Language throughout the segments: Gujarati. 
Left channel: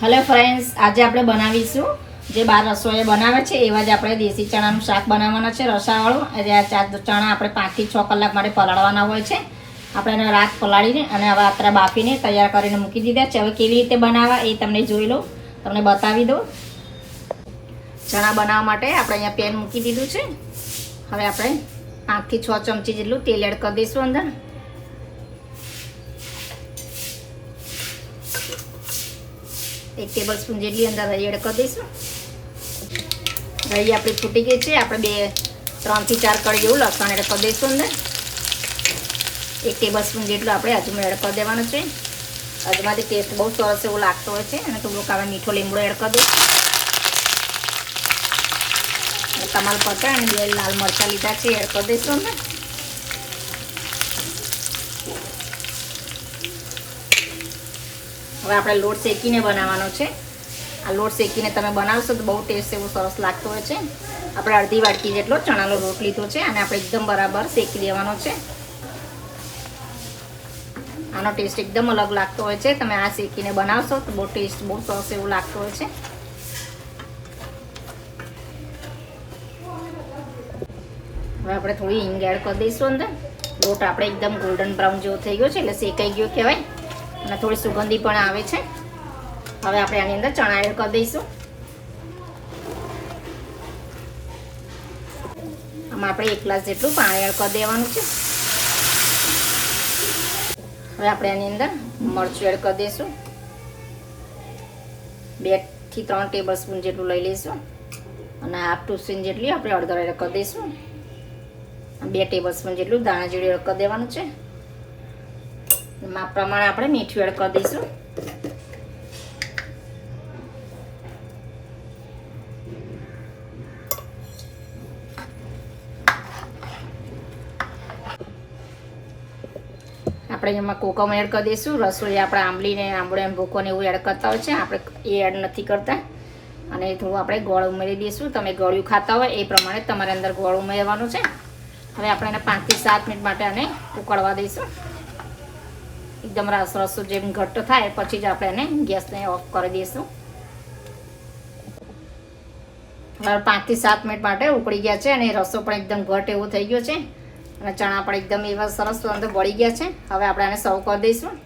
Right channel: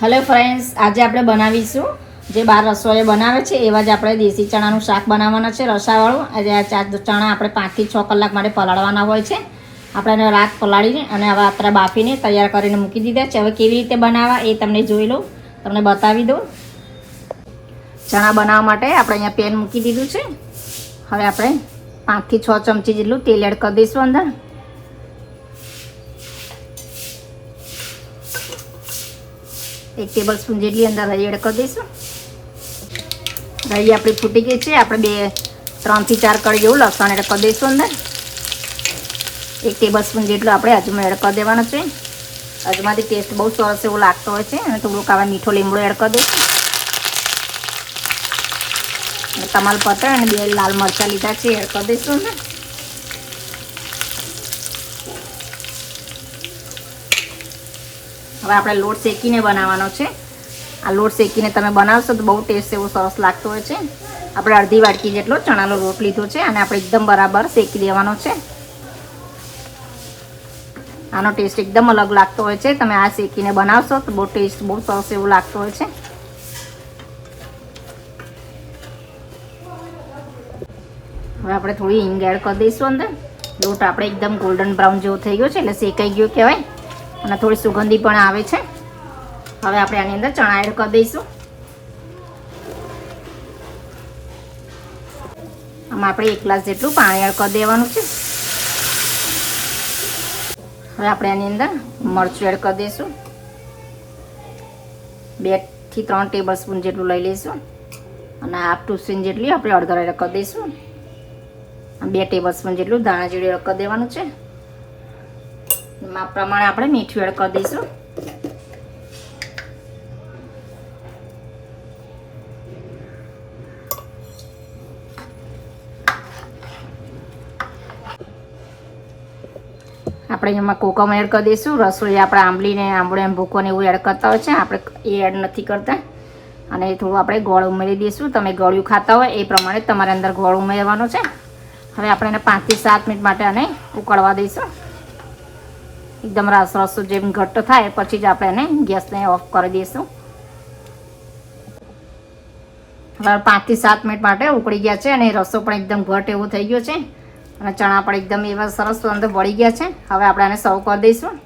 હેલો ફ્રેન્ડ્સ, આજે આપણે બનાવીશું જે બાર રસોઈ બનાવે છે એવા જ આપણે દેશી ચણાનું શાક બનાવવાનું છે રસાવાળું. આજે આ ચણા આપણે 5 થી 6 કલાક માટે પલાળવાના હોય છે. આપણે રાત પલાળીને અને હવે આપણે બાફીને તૈયાર કરીને મૂકી દીધા છે. હવે કેવી રીતે બનાવવા એ તમને જોઈ લઉં, તમને બતાવી દઉં. ચણા બનાવવા માટે આપણે અહીંયા પેન મૂકી દીધું છે. હવે આપણે 5 થી 6 ચમચી જેટલું તેલ એડ કરી દઈશું અંદર. एक टेबल स्पून जेटली अंदर रही एड कर दईशू. रही अपनी फूटी गई है. આપણે 3 થી 4 कड़ी जेवुं लसण एड कर दईशू अंदर. 1 टेबल स्पून जेटलो આપણે अजमो एड कर देवानो छे. अजमाथी टेस्ट बहुत सरस एवो लागतो होय छे. અને થોડુંક આવા મીઠો લીમડો એડ કરી દઈશું. તમાલપત્ર અને 2 લાલ મરચાં લીધા છે એડ કરી દઈશું અંદર. હવે આપણે લોટ શેકીને બનાવવાનો છે. આ લોટ શેકીને તમે બનાવશો તો બહુ ટેસ્ટ એવો સરસ લાગતો હોય છે. આપણે અડધી વાટકી જેટલો ચણાનો લોટ લીધો છે અને આપણે એકદમ બરાબર શેકી દેવાનો છે. આનો ટેસ્ટ એકદમ અલગ લાગતો હોય છે. તમે આ શેકીને બનાવશો તો બહુ ટેસ્ટ બહુ સરસ એવો લાગતો હોય છે. હવે આપણે થોડી હિંગ એડ કરી દઈશું અંદર. લોટ આપણે એકદમ ગોલ્ડન બ્રાઉન જેવો થઈ ગયો છે એટલે શેકાઈ ગયો કહેવાય અને થોડી સુગંધી પણ આવે છે. હવે આપણે આની અંદર ચણા એડ કરી દઈશું. આમાં આપણે 1 ગ્લાસ જેટલું પાણી એડ કરી દેવાનું છે. હવે આપણે આની અંદર મરચું એડ કરી દઈશું. 2 થી 3 ટેબલ સ્પૂન જેટલું લઈ લઈશું અને હાફ ટીસ્પૂન જેટલી આપણે હળદર એડ કરી દઈશું. 2 ટેબલ સ્પૂન જેટલું ધાણા જીરું એડ કરી દેવાનું છે. માપ પ્રમાણે આપણે મીઠું એડ કરી દઈશું. આપણે એમાં કોકમ એડ કરી દઈશું. રસોઈ આપણે આંબલીને આંબળો એમ ભૂકોને એવું એડ કરતા હોય છે, આપણે એ એડ નથી કરતા. અને થોડું આપણે ગોળ ઉમેરી દઈશું. તમે ગળ્યું ખાતા હોય એ પ્રમાણે તમારે અંદર ગોળ ઉમેરવાનો છે. હવે આપણે એને 5 થી 7 મિનિટ માટે આને ઉકળવા દઈશું. એકદમ રસો જેમ ઘટ્ટ થાય પછી જ આપણે એને ગેસને ઓફ કરી દઈશું. હવે 5 થી 7 મિનિટ માટે ઉકળી ગયા છે અને રસો પણ એકદમ ઘટ એવો થઈ ગયો છે અને ચણા પણ એકદમ એવા સરસ અંદર બળી ગયા છે. હવે આપણે આને સર્વ કરી દઈશું.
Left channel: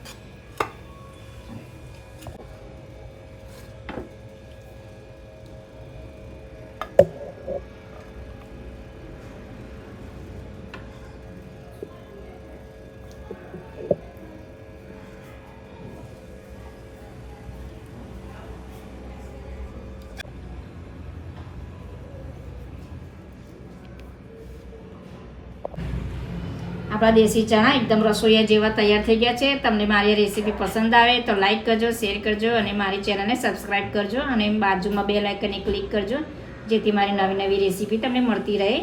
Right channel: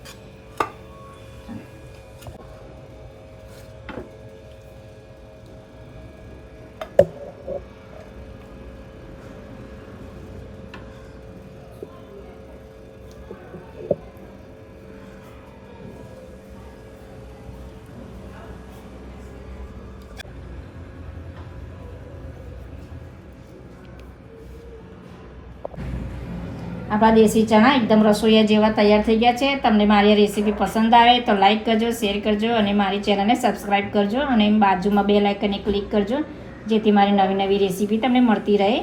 આપણા દેશી ચણા એકદમ રસોઈયા જેવા તૈયાર થઈ ગયા છે. તમને મારી રેસીપી પસંદ આવે તો લાઈક કરજો, શેર કરજો અને મારી ચેનલને સબસ્ક્રાઈબ કરજો અને બાજુમાં બેલ આઇકનને ક્લિક કરજો જેથી મારી નવી નવી રેસીપી તમને મળતી રહે.